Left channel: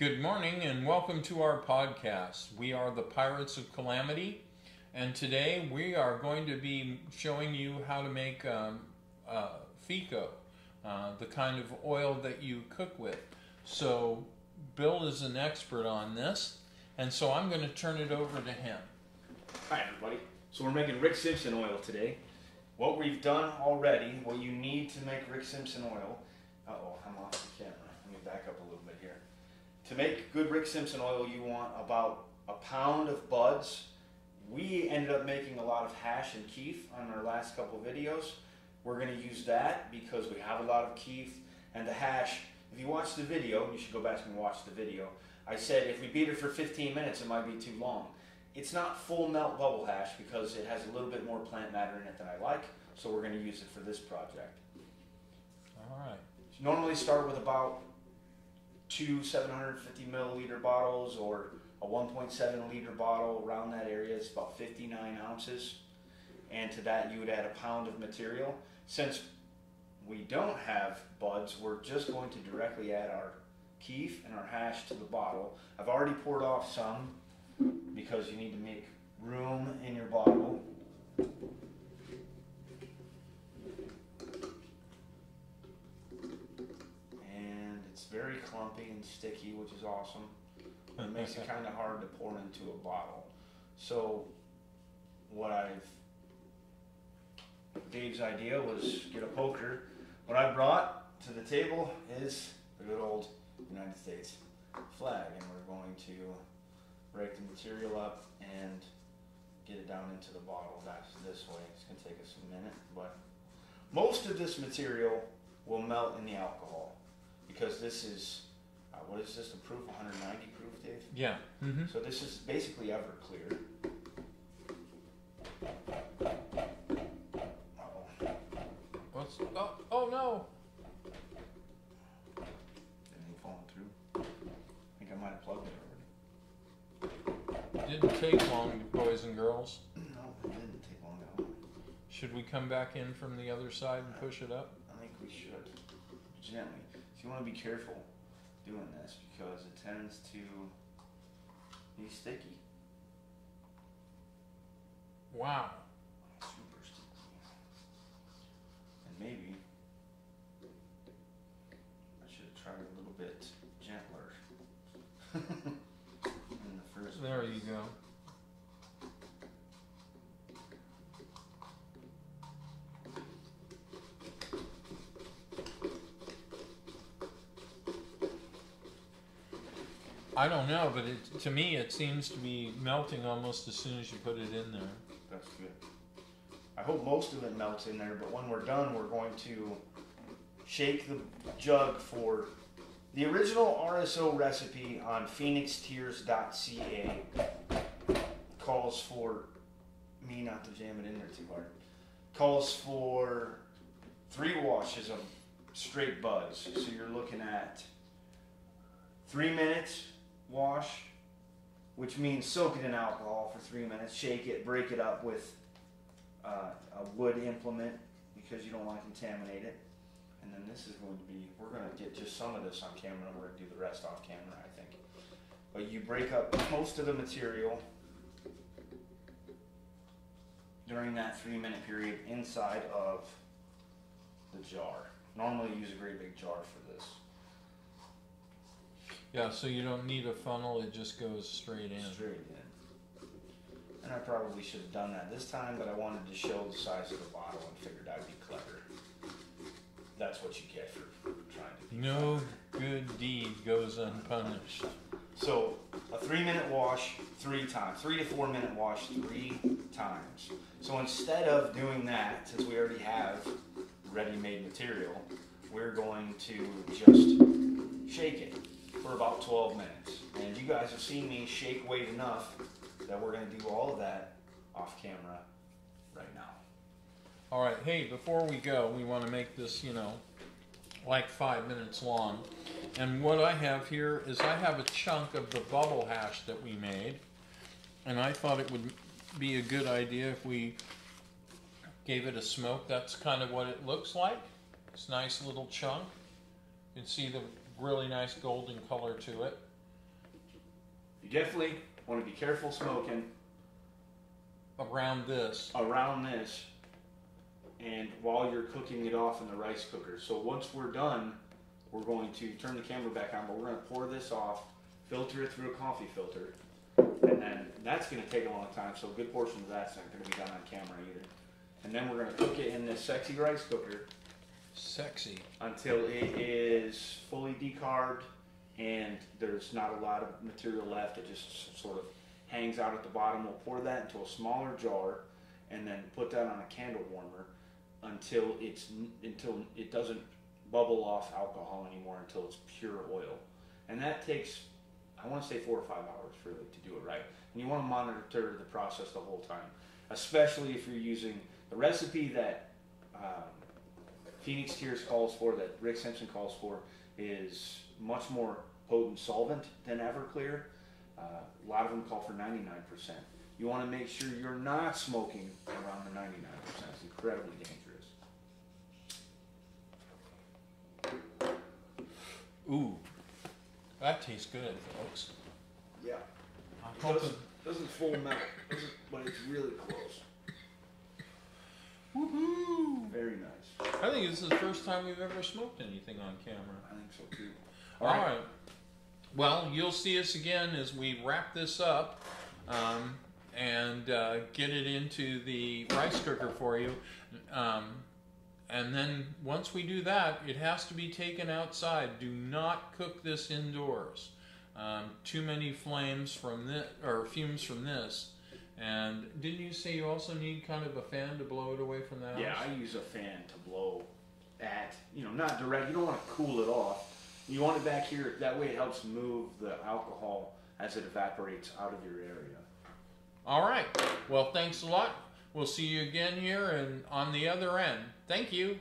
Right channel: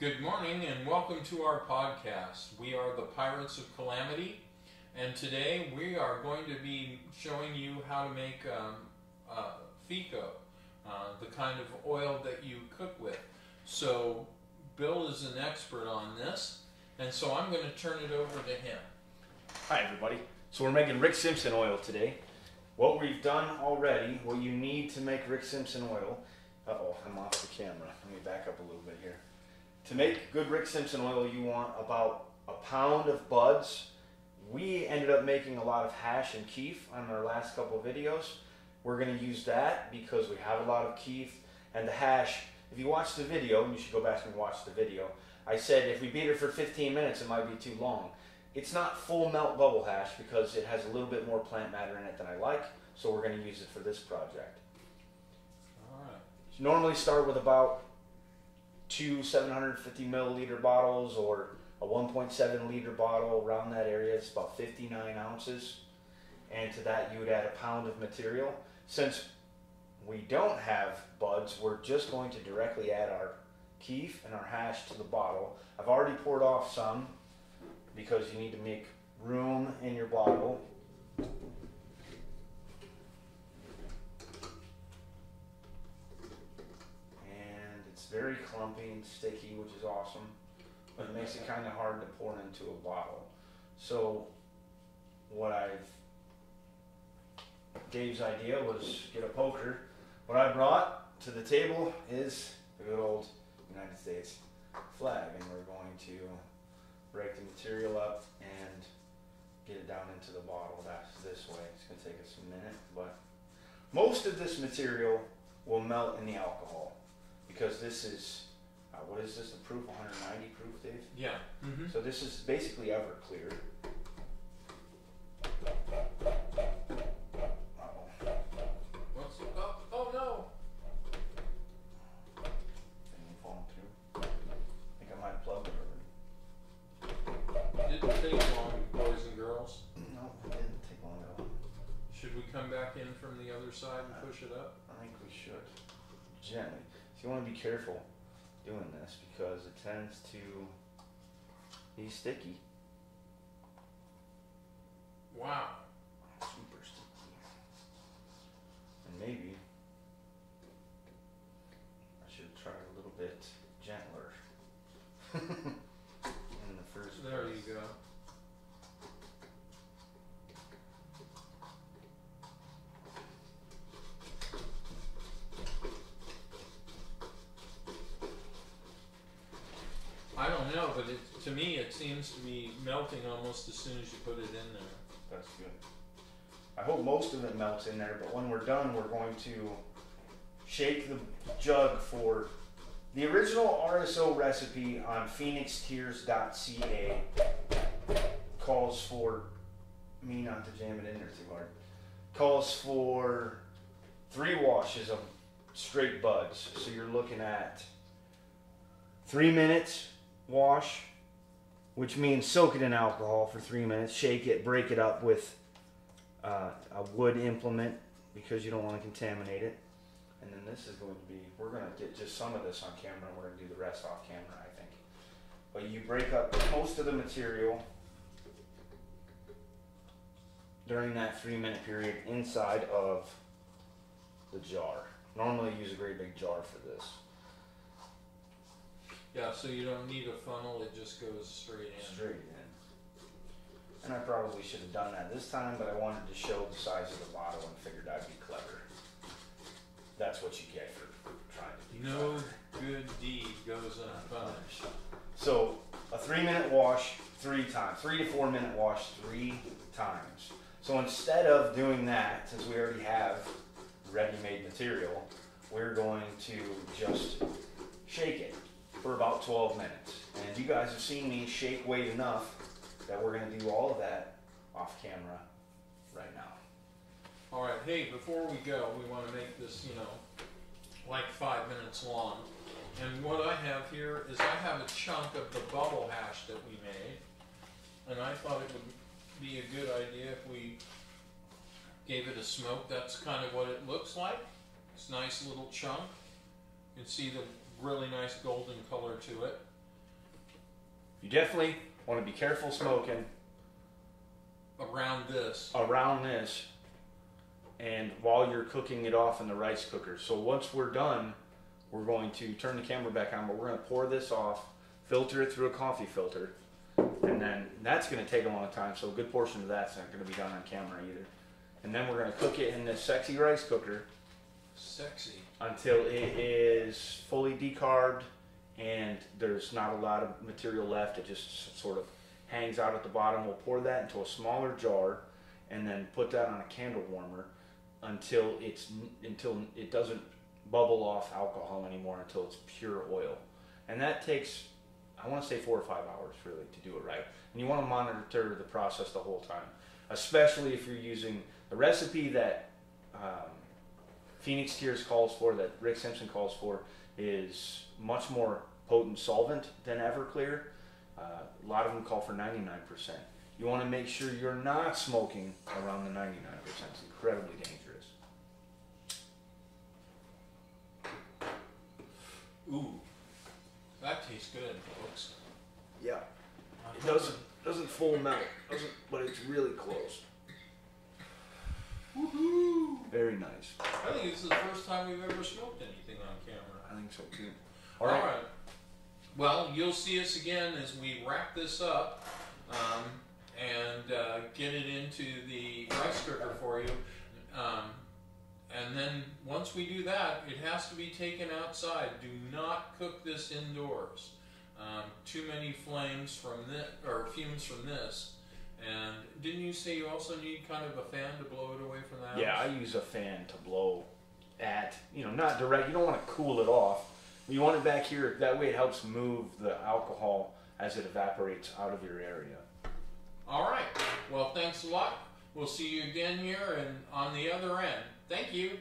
Good morning and welcome to our podcast. We are the Pirates of Calamity, and today we are going to be showing you how to make FICO, the kind of oil that you cook with. So Bill is an expert on this, and so I'm going to turn it over to him. Hi everybody. So we're making Rick Simpson oil today. What we've done already, what you need to make Rick Simpson oil, I'm off the camera. Let me back up a little bit here. To make good Rick Simpson oil, you want about a pound of buds. We ended up making a lot of hash and keef on our last couple of videos. We're going to use that because we have a lot of keef. And the hash, if you watch the video, you should go back and watch the video. I said if we beat it for 15 minutes, it might be too long. It's not full melt bubble hash because it has a little bit more plant matter in it than I like. So we're going to use it for this project. All right. So normally start with about 2 750 milliliter bottles or a 1.7 liter bottle, around that area. It's about 59 ounces. And to that you would add a pound of material. Since we don't have buds, we're just going to directly add our keef and our hash to the bottle. I've already poured off some because you need to make room in your bottle. Very clumpy and sticky, which is awesome. But it makes it kind of hard to pour into a bottle. So Dave's idea was get a poker. What I brought to the table is the good old United States flag, and we're going to break the material up and get it down into the bottle. That's this way. It's going to take us a minute, but most of this material will melt in the alcohol. Because this is, what is this, the proof, 190 proof, Dave? Yeah. Mm-hmm. So this is basically Everclear. Oh no! Anything falling through? I think I might have plugged it It already. didn't take long, boys and girls. No, it didn't take long at all. Should we come back in from the other side and push it up? I think we should. Gently. So you want to be careful doing this because it tends to be sticky. Wow. Super sticky. And maybe I should have tried a little bit gentler in the first There place. you go. I don't know, but to me it seems to be melting almost as soon as you put it in there. That's good. I hope most of it melts in there, but when we're done, we're going to shake the jug for the original RSO recipe on phoenixtears.ca. Calls for me not to jam it in there too hard. Calls for 3 washes of straight buds. So you're looking at 3 minutes wash, which means soak it in alcohol for 3 minutes, shake it, break it up with a wood implement because you don't want to contaminate it. And then this is going to be, we're going to get just some of this on camera and we're going to do the rest off camera, I think. But you break up most of the material during that 3 minute period inside of the jar. Normally you use a great big jar for this. Yeah, so you don't need a funnel, it just goes straight in. Straight in. And I probably should have done that this time, but I wanted to show the size of the bottle and figured I'd be clever. That's what you get for trying to be No clever. good deed goes unpunished. So, a 3 minute wash 3 times. 3 to 4 minute wash 3 times. So instead of doing that, since we already have ready-made material, we're going to just shake it for about 12 minutes. And you guys have seen me shake weight enough that we're going to do all of that off camera right now. All right, hey, before we go, we want to make this, like 5 minutes long. And what I have here is I have a chunk of the bubble hash that we made. And I thought it would be a good idea if we gave it a smoke. That's kind of what it looks like. It's a nice little chunk. You can see the really nice golden color to it. You definitely want to be careful smoking around this. And while you're cooking it off in the rice cooker. So once we're done, we're going to turn the camera back on, but we're going to pour this off, filter it through a coffee filter, and then that's going to take a long time, so a good portion of that's not going to be done on camera either. And then we're going to cook it in this sexy rice cooker. Sexy. Until it is fully decarbed and there's not a lot of material left. It just sort of hangs out at the bottom. We'll pour that into a smaller jar and then put that on a candle warmer until it doesn't bubble off alcohol anymore, until it's pure oil. And that takes, I want to say 4 or 5 hours really to do it right. And you want to monitor the process the whole time, especially if you're using the recipe that Phoenix Tears calls for, that Rick Simpson calls for, is much more potent solvent than Everclear. A lot of them call for 99%. You want to make sure you're not smoking around the 99%. It's incredibly dangerous. Ooh, that tastes good, folks. Yeah. It doesn't full melt, but it's really close. Woohoo! Very nice. I think this is the first time we've ever smoked anything on camera. I think so too. All right. Well, you'll see us again as we wrap this up and get it into the rice cooker for you. And then once we do that, it has to be taken outside. Do not cook this indoors. Too many flames from this, or fumes from this. And didn't you say you also need kind of a fan to blow it away from the house? Yeah, I use a fan to blow at, not direct. You don't want to cool it off. You want it back here. That way it helps move the alcohol as it evaporates out of your area. All right. Well, thanks a lot. We'll see you again here and on the other end. Thank you.